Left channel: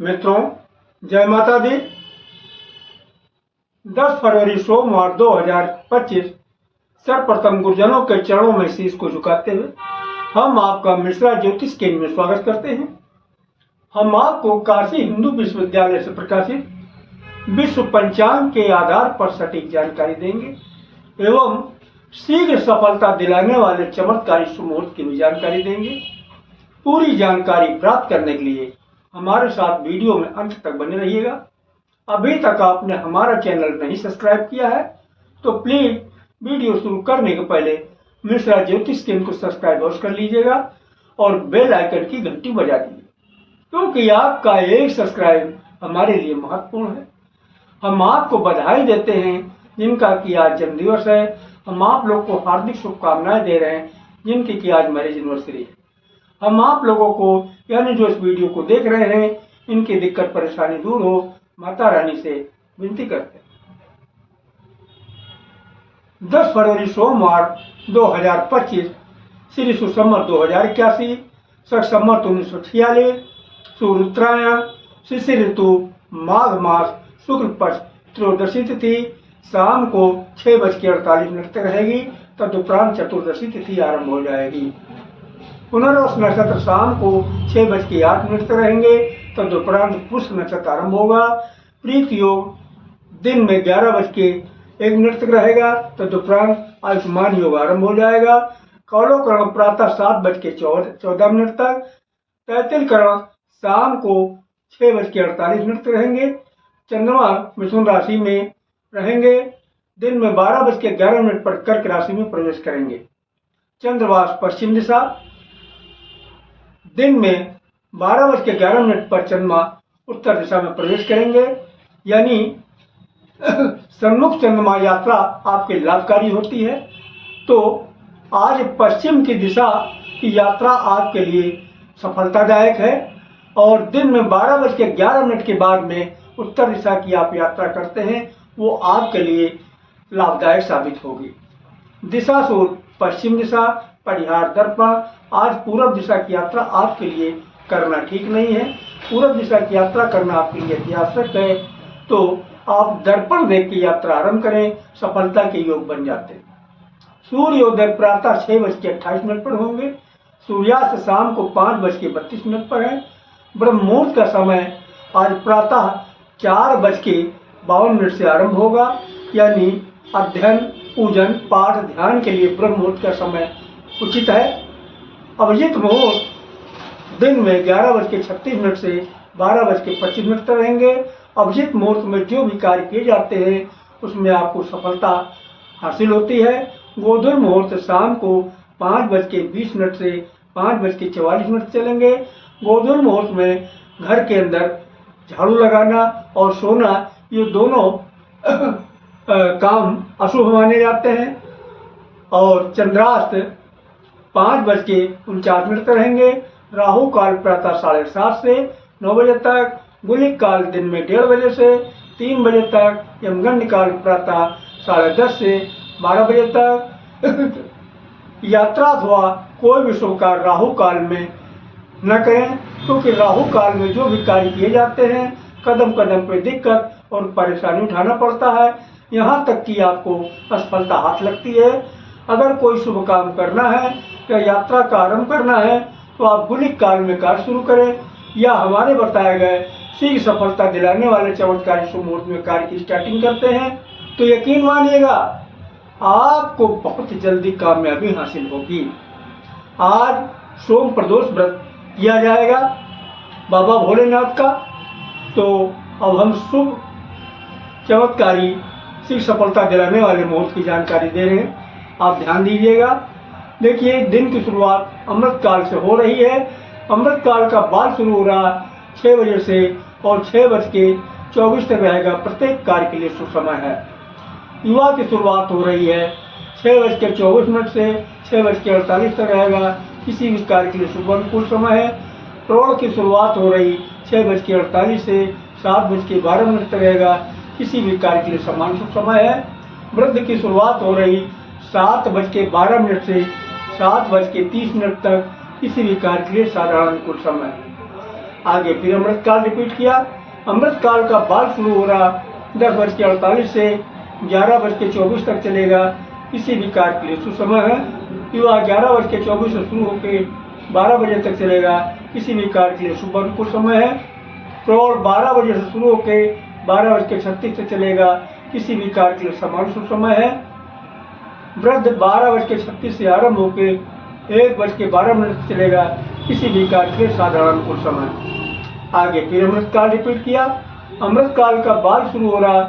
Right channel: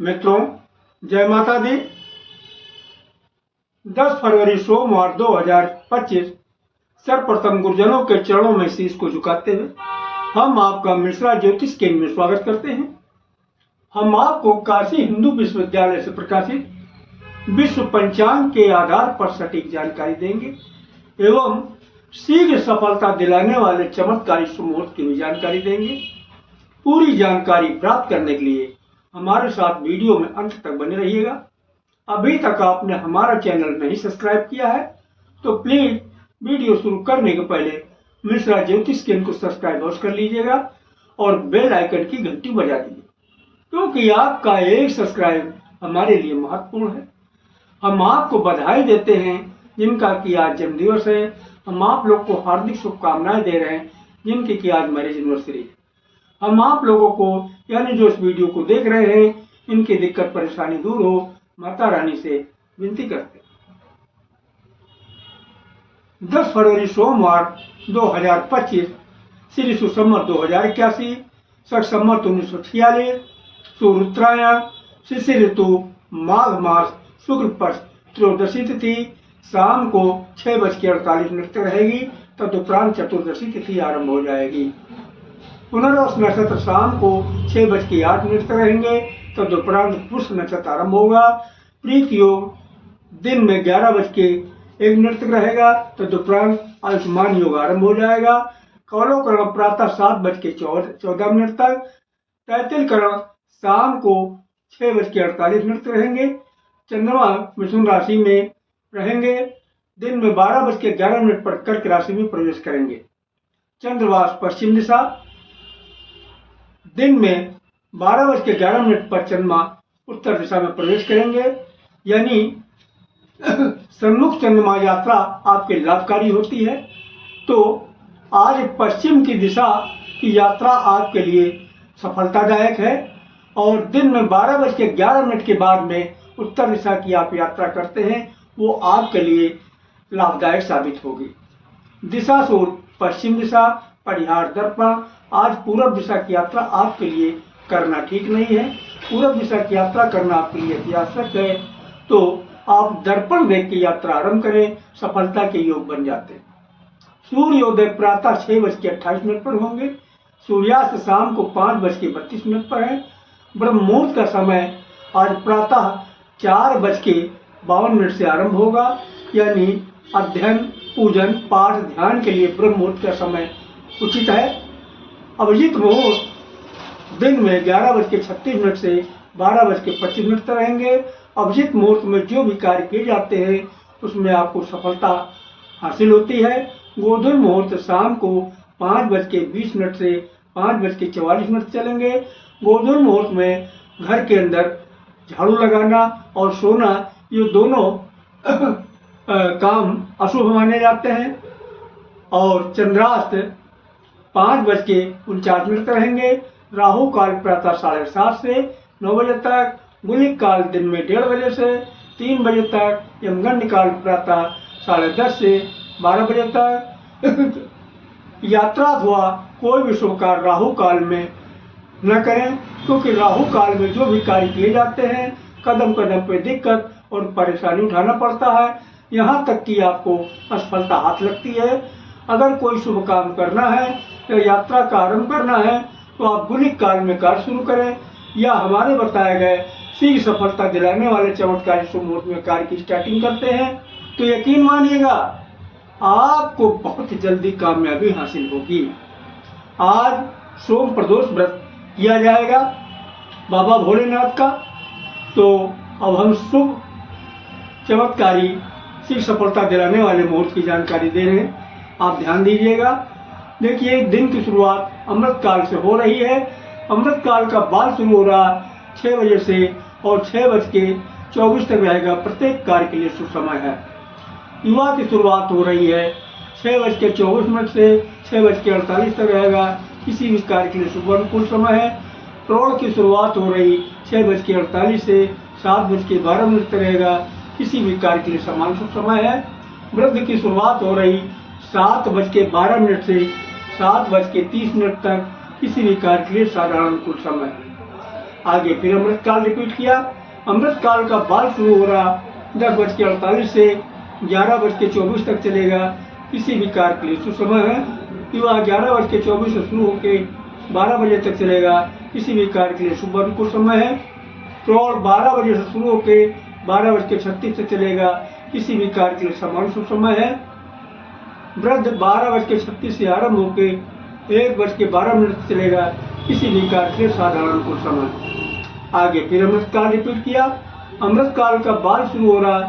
मित्रों, जय माता दी। 10 फरवरी सोमवार 2025 सर्वप्रथम गुरुजनों के चरणों में शीश को झुकाते हुए हम आपका मिश्रा ज्योतिष केंद्र में स्वागत करते हैं। हम आपको काशी हिंदू विश्वविद्यालय से प्रकाशित विश्व पंचांग के आधार पर सटीक जानकारी देंगे एवं शीघ्र सफलता दिलाने वाले चमत्कारी सुमुहूर्त की भी जानकारी देंगे। पूरी जानकारी प्राप्त करने के लिए हमारे साथ वीडियो में अंत तक बने रहिएगा। अभी तक आपने हमारा चैनल नहीं सब्सक्राइब किया है तो प्लीज वीडियो शुरू करने के पहले मिश्रा ज्योतिष केंद्र को सब्सक्राइब अवश्य कर लीजिएगा और बेल आइकन की घंटी बजा दीजिए, क्योंकि आपका एक सब्सक्राइब हमारे लिए महत्वपूर्ण है। हम आपको बधाई देते हैं जिनका कि आज जन्मदिवस है। हम आप लोग को हार्दिक शुभकामनाएं दे रहे हैं जिनकी कि आज मैरिज एनिवर्सरी है। हम आप लोगों को यानी जो इस वीडियो को देख रहे हैं इनकी दिक्कत परेशानी दूर हो, माता रानी से विनती करते हैं। 10 फरवरी सोमवार 2025 श्री सुसंवत 2081 शक संवत 1946 सूर्य उत्तरायण शिशिर ऋतु माघ मास शुक्ल पक्ष त्रयोदशी तिथि शाम को 6:48 तक रहेगी। तदुपरांत चतुर्दशी तिथि आरंभ हो जाएगी। पुनर्वस नक्षत्र शाम को 6:08 तक रहेंगे। तदुपरांत पुष्य नक्षत्र आरंभ होगा। प्रीत योग दिन में 11:01 तक रहेगा। तदुपरांत आयुष्मान योग आरंभ हो जाएगा। कौलोकरण प्रातः 7:14 तक। तैतिल करण शाम को 6:48 तक रहेंगे। चंद्रमा मिथुन राशि में रहेंगे। दिन में 12:11 पर कर्क राशि में प्रवेश करेंगे। चंद्रवास पश्चिम दिशा। दिन में 12:11 पर चंद्रमा उत्तर दिशा में प्रवेश करेंगे, यानी सन्मुख चंद्रमा यात्रा आपके लाभकारी होती है। तो आज पश्चिम की दिशा की यात्रा आपके लिए सफलतादायक है और दिन में 12:11 के बाद में उत्तर दिशा की आप यात्रा करते हैं वो आपके लिए लाभदायक साबित होगी। दिशा सूत्र पश्चिम दिशा। परिहार दर्पण। आज पूर्व दिशा की यात्रा आपके लिए करना ठीक नहीं है। पूर्व दिशा की यात्रा करना आपके लिए अति आवश्यक है, तो आप दर्पण देख के यात्रा आरंभ करें, सफलता के योग बन जाते हैं। सूर्योदय प्रातः 6:28 पर होंगे। सूर्यास्त शाम को 5:32 पर है। ब्रह्म मुहूर्त का समय आज प्रातः 4:52 से आरंभ होगा, यानी अध्ययन पूजन पाठ ध्यान के लिए ब्रह्म मुहूर्त का समय उचित है। अभिजीत मुहूर्त दिन में 11:36 से 12:25 तक रहेंगे। अभिजीत मुहूर्त में जो भी कार्य किए जाते हैं उसमें आपको सफलता हासिल होती है। गोधूल मुहूर्त शाम को 5:20 से 5:44 चलेंगे। गोधूल मुहूर्त में घर के अंदर झाड़ू लगाना और सोना ये दोनों काम अशुभ माने जाते हैं। और चंद्रास्त 5:49 तक रहेंगे। राहु काल प्रातः 7:30 से 9 बजे तक। गुलिक काल दिन में 1:30 बजे से 3 बजे तक। यमगंड काल प्रातः 10:30 से 12 बजे तक। यात्रा अथवा कोई भी शुभ कार्य राहु काल में न करें, क्योंकि राहु काल में जो भी कार्य किए जाते हैं कदम कदम पे दिक्कत और परेशानी उठाना पड़ता है, यहाँ तक कि आपको असफलता हाथ लगती है। अगर कोई शुभ काम करना है या यात्रा का आरंभ करना है तो आप गुलिक काल में कार्य शुरू करें या हमारे बताए गए शीघ्र सफलता दिलाने वाले चमत्कारी शुभ मुहूर्त में कार्य की स्टार्टिंग करते हैं तो यकीन मानिएगा आपको बहुत जल्दी कामयाबी हासिल होगी। आज सोम प्रदोष व्रत किया जाएगा बाबा भोलेनाथ का। तो अब हम शुभ चमत्कारी शीघ्र सफलता दिलाने वाले मुहूर्त की जानकारी दे रहे हैं, आप ध्यान दीजिएगा। देखिए, दिन की शुरुआत अमृत काल से हो रही है। अमृत काल का बाद शुरू हो रहा 6 बजे से और 6:24 तक रहेगा। प्रत्येक कार्य के लिए सुसमय है। युवा की शुरुआत हो रही है 6:24 से 6:48 तक रहेगा। किसी भी कार्य के लिए शुभ अनुकूल समय है। प्रौढ़ की शुरुआत हो रही 6:48 से 7:12 तक रहेगा। किसी भी कार्य के लिए समान शुभ समय है। वृद्ध की शुरुआत हो रही 7:12 से 7:30 तक। किसी भी कार्य के लिए साधारण अनुकूल समय है। आगे फिर अमृतकाल रिपीट किया। अमृतकाल का बाल शुरू हो रहा 10:48 से 11:24 तक चलेगा, किसी भी कार्य के लिए शुभ समय है। युवा 11:24 से शुरू होकर 12 बजे तक चलेगा, किसी भी कार्य के लिए शुभ अनुकूल समय है। प्रौढ़ 12 बजे से शुरू होकर 12:36 तक चलेगा, किसी भी कार्य के लिए समान शुभ समय है। वृद्ध 12:36 से आरंभ होकर 1:12 तक चलेगा, किसी भी कार्य के लिए साधारण अनुकूल समय। आगे फिर अमृतकाल रिपीट किया। अमृतकाल का बाल शुरू हो रहा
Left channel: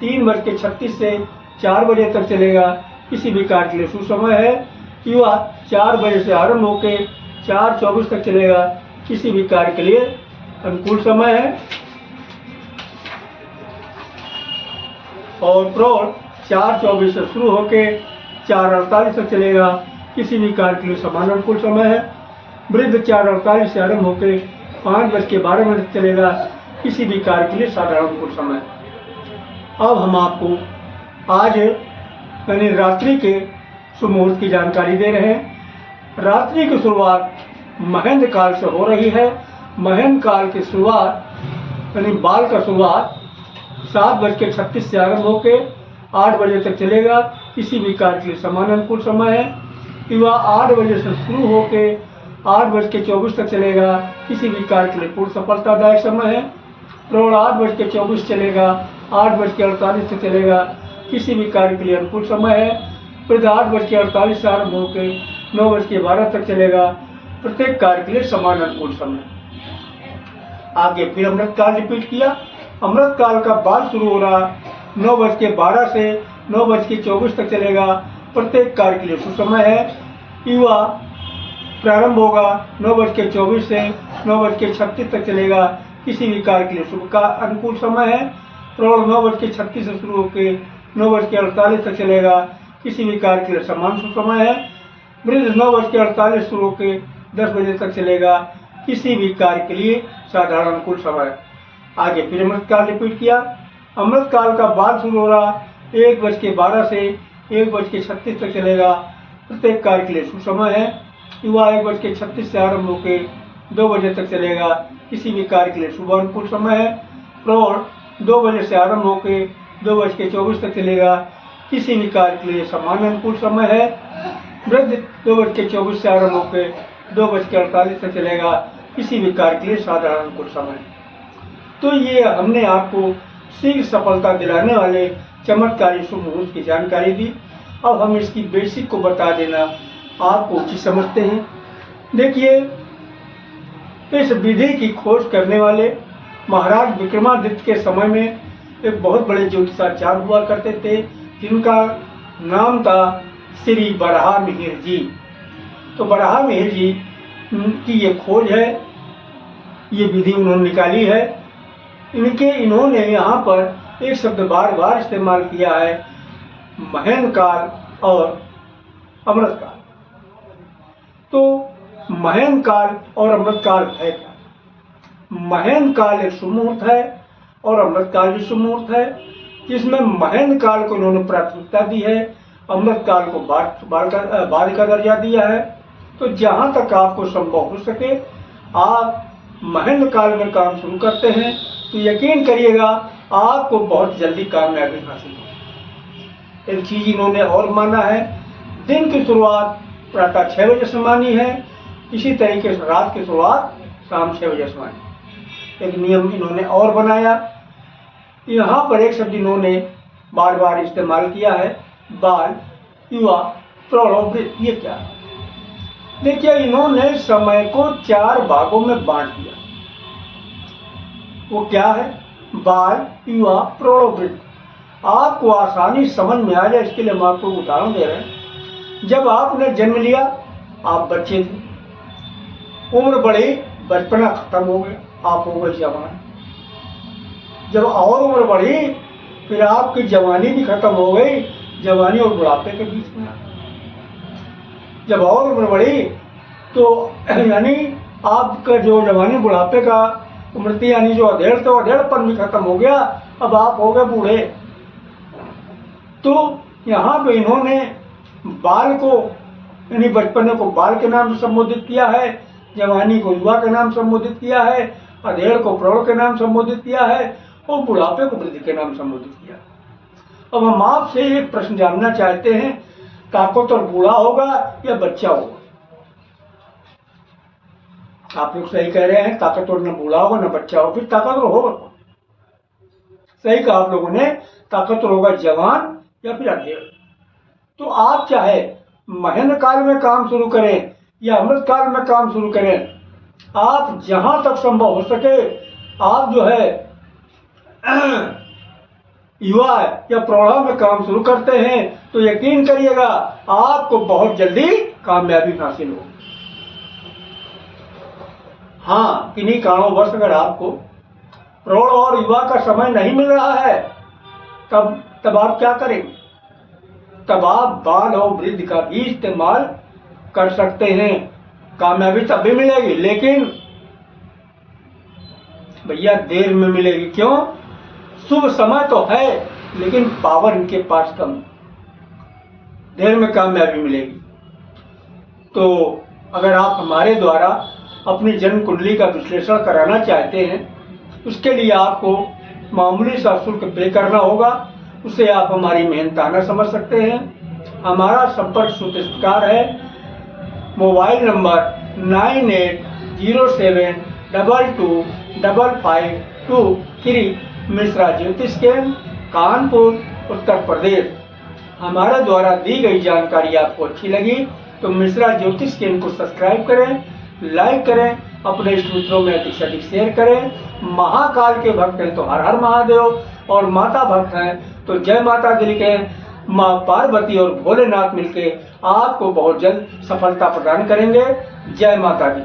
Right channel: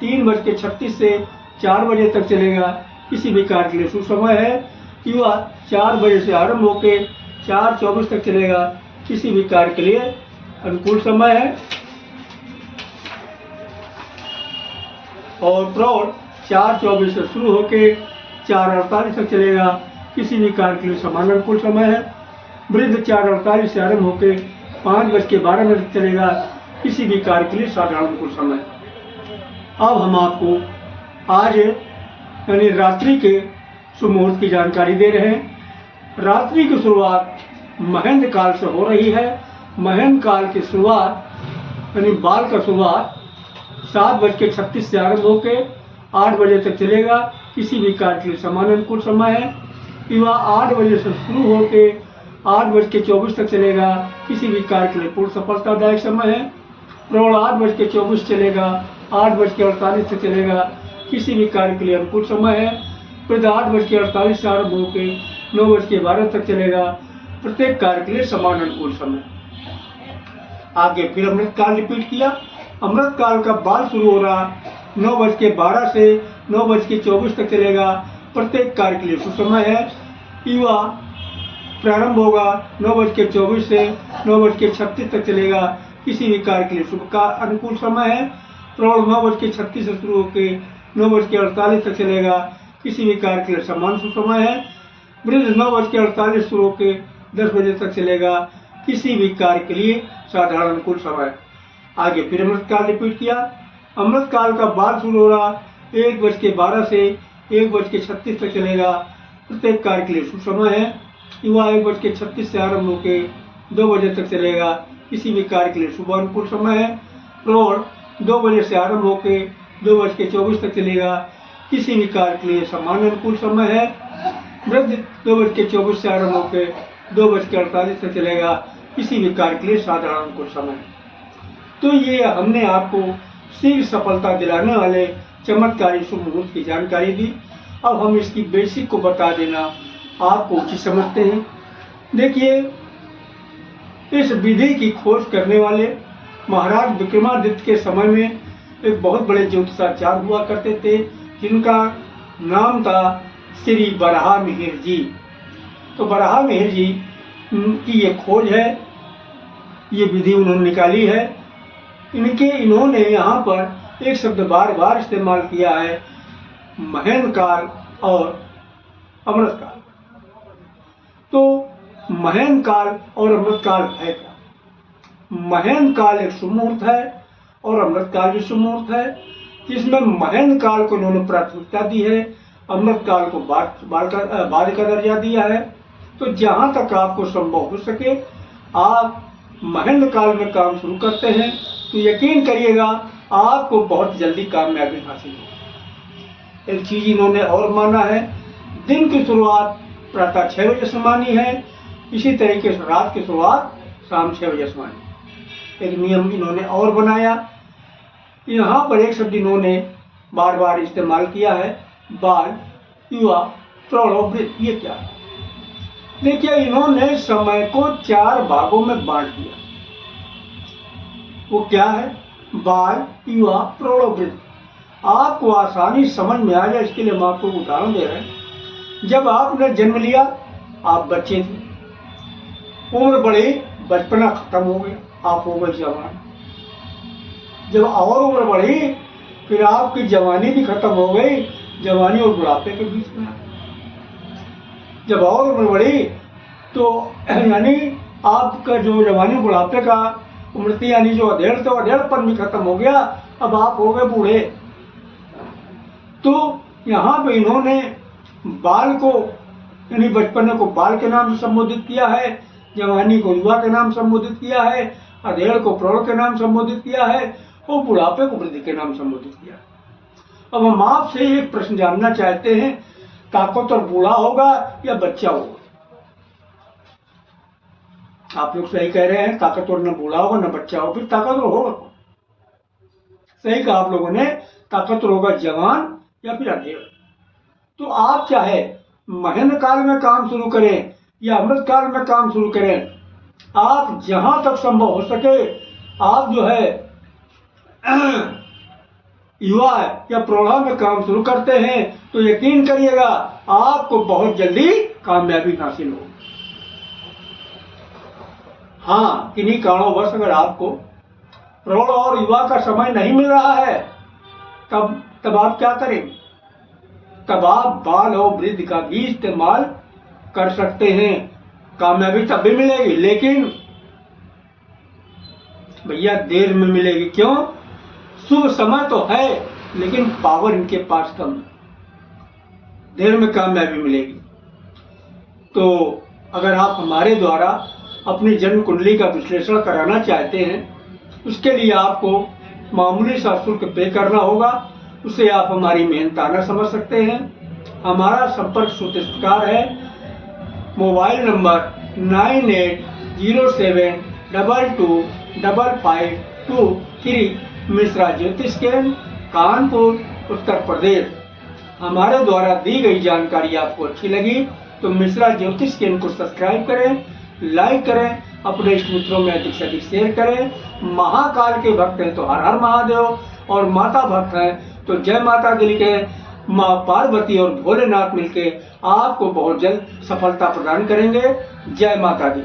3:36 से 4 बजे तक चलेगा, किसी भी कार्य के लिए शुभ समय है। युवा 4 बजे से आरंभ होकर 4:24 तक चलेगा, किसी भी कार्य के लिए अनुकूल समय है। और प्रौढ़ 4:24 से शुरू होकर 4:48 तक चलेगा, किसी भी कार्य के लिए समान अनुकूल समय है। वृद्ध 4:48 से आरंभ होकर 5:12 तक चलेगा, किसी भी कार्य के लिए साधारण अनुकूल समय। अब हम आपको आज यानी रात्रि के शुभ मुहूर्त की जानकारी दे रहे हैं। रात्रि की शुरुआत महेंद्र काल से हो रही है। महेंद्र काल की शुरुआत यानी बाल का शुरुआत 7:36 से आरंभ होकर 8 बजे तक चलेगा, किसी भी कार्य के लिए समान अनुकूल समय है। युवा 8 बजे से शुरू होकर 8:24 तक चलेगा, किसी भी कार्य के लिए पूर्ण सफलतादायक समय है। प्रौढ़ 8:24 चलेगा, 8:48 तक चलेगा, किसी भी कार्य के लिए अनुकूल समय है। वृद्ध 8:48 से आरंभ होकर 9:12 तक चलेगा, प्रत्येक कार्य के लिए समान अनुकूल समय। आगे फिर अमृतकाल रिपीट किया। अमृतकाल का बाल शुरू हो रहा 9:12 से 9:24 तक चलेगा, प्रत्येक कार्य के लिए शुभ समय है। युवा प्रारंभ होगा 9:24 से 9:36 तक चलेगा, किसी भी कार्य के लिए शुभ का अनुकूल समय है। प्रौढ़ 9:36 से शुरू होकर 9:48 तक चलेगा, किसी भी कार्य के लिए समान शुभ समय है। वृद्ध 9:48 शुरू होकर 10 बजे तक चलेगा, किसी भी कार्य के लिए साधारण अनुकूल समय। आगे फिर अमृतकाल रिपीट किया। अमृतकाल का बाल शुरू हो रहा 1:12 से 1:36 तक चलेगा, प्रत्येक कार्य के लिए शुभ समय है। युवा 1:36 से आरंभ होकर 2 बजे तक चलेगा, किसी भी कार्य के लिए शुभ अनुकूल समय है। प्रौढ़ 2 बजे से आरंभ होकर 2:24 तक चलेगा, किसी भी कार्य के लिए समान अनुकूल समय है। वृद्ध 2:24 से आरंभ होकर 2:48 तक चलेगा, किसी भी कार्य के लिए साधारण अनुकूल समय। तो ये हमने आपको शीघ्र सफलता दिलाने वाले चमत्कारी शुभ मुहूर्त की जानकारी दी। अब हम इसकी बेसिक को बता देना आपको उचित समझते हैं। देखिए, इस विधि की खोज करने वाले महाराज विक्रमादित्य के समय में एक बहुत बड़े ज्योतिषाचार्य हुआ करते थे, जिनका नाम था श्री वराहमिहिर जी। तो वराहमिहिर जी की ये खोज है, ये विधि उन्होंने निकाली है। इन्होंने यहाँ पर एक शब्द बार बार इस्तेमाल किया है, महेंद्र काल और अमृतकाल। तो महेंद्र काल और अमृतकाल है क्या? महेंद्र काल एक शुभ मुहूर्त है और अमृतकाल भी शुभ मुहूर्त है, जिसमें महेंद्र काल को इन्होंने प्राथमिकता दी है, अमृतकाल को बाद का दर्जा दिया है। तो जहाँ तक आपको संभव हो सके आप महेंद्र काल में काम शुरू करते हैं तो यकीन करिएगा आपको बहुत जल्दी कामयाबी हासिल होगी। एक चीज इन्होंने और माना है, दिन की शुरुआत प्रातः 6 बजे से मानी है, इसी तरीके से रात की शुरुआत शाम 6 बजे से मानी। एक नियम इन्होंने और बनाया, यहाँ पर एक शब्द इन्होंने बार बार इस्तेमाल किया है, बाल, युवा, प्रौढ़ और वृद्ध। ये क्या है? देखिए, इन्होंने समय को 4 भागों में बांट दिया। वो क्या है? बाल, युवा, प्रौढ़ और वृद्ध। आपको आसानी समझ में आ जाए इसके लिए हम आपको उदाहरण दे रहे हैं। जब आपने जन्म लिया आप बच्चे थे, उम्र बढ़ी, बचपना खत्म हो गया, आप हो गए जवान। जब और उम्र बढ़ी फिर आपकी जवानी भी खत्म हो गई, जवानी और बुढ़ापे के बीच में। जब और उम्र बढ़ी तो यानी आपका जो जवानी बुढ़ापे का उम्र थी, यानी जो अधेड़ तो अधेड़पन भी खत्म हो गया, अब आप हो गए बूढ़े। तो यहाँ पे इन्होंने बाल को यानी बचपने को बाल के नाम से संबोधित किया है, जवानी को युवा के नाम संबोधित किया है, अधेड़ को प्रौढ़ के नाम संबोधित किया है और बुढ़ापे को वृद्धि के नाम संबोधित किया है। अब हम आपसे एक प्रश्न जानना चाहते हैं, ताकतवर बूढ़ा होगा या बच्चा होगा? आप लोग सही कह रहे हैं, ताकतवर न बूढ़ा होगा न बच्चा होगा, फिर ताकतवर होगा कौन? सही कहा आप लोगों ने, ताकतवर होगा जवान या फिर अधेड़। तो आप चाहे महेंद्र काल में काम शुरू करें या अमृत काल में काम शुरू करें, आप जहां तक संभव हो सके आप जो है युवा या प्रौढ़ा में काम शुरू करते हैं तो यकीन करिएगा आपको बहुत जल्दी कामयाबी हासिल हो। हाँ, किन्हीं कारणोंवश अगर आपको प्रौढ़ और युवा का समय नहीं मिल रहा है तब आप क्या करेंगे? तब आप बाल और वृद्ध का भी इस्तेमाल कर सकते हैं, कामयाबी तब भी मिलेगी, लेकिन भैया देर में मिलेगी। क्यों? शुभ समय तो है लेकिन पावर इनके पास कम, देर में कामयाबी मिलेगी। तो अगर आप हमारे द्वारा अपनी जन्म कुंडली का विश्लेषण कराना चाहते हैं, उसके लिए आपको मामूली सा शुल्क पे करना होगा। उसे आप हमारी मेहनताना समझ सकते हैं। हमारा संपर्क सूत्र इस प्रकार है, मोबाइल नंबर 9807225523, मिश्रा ज्योतिष केंद्र, कानपुर, उत्तर प्रदेश। हमारे द्वारा दी गई जानकारी आपको अच्छी लगी तो मिश्रा ज्योतिष केंद्र को सब्सक्राइब करें, लाइक करें, अपने इष्ट मित्रों में अधिक से अधिक शेयर करें। महाकाल के भक्त हैं तो हर हर महादेव, और माता भक्त हैं तो जय माता दी लिखें। माँ पार्वती और भोलेनाथ मिलके आपको बहुत जल्द सफलता प्रदान करेंगे। जय माता दी।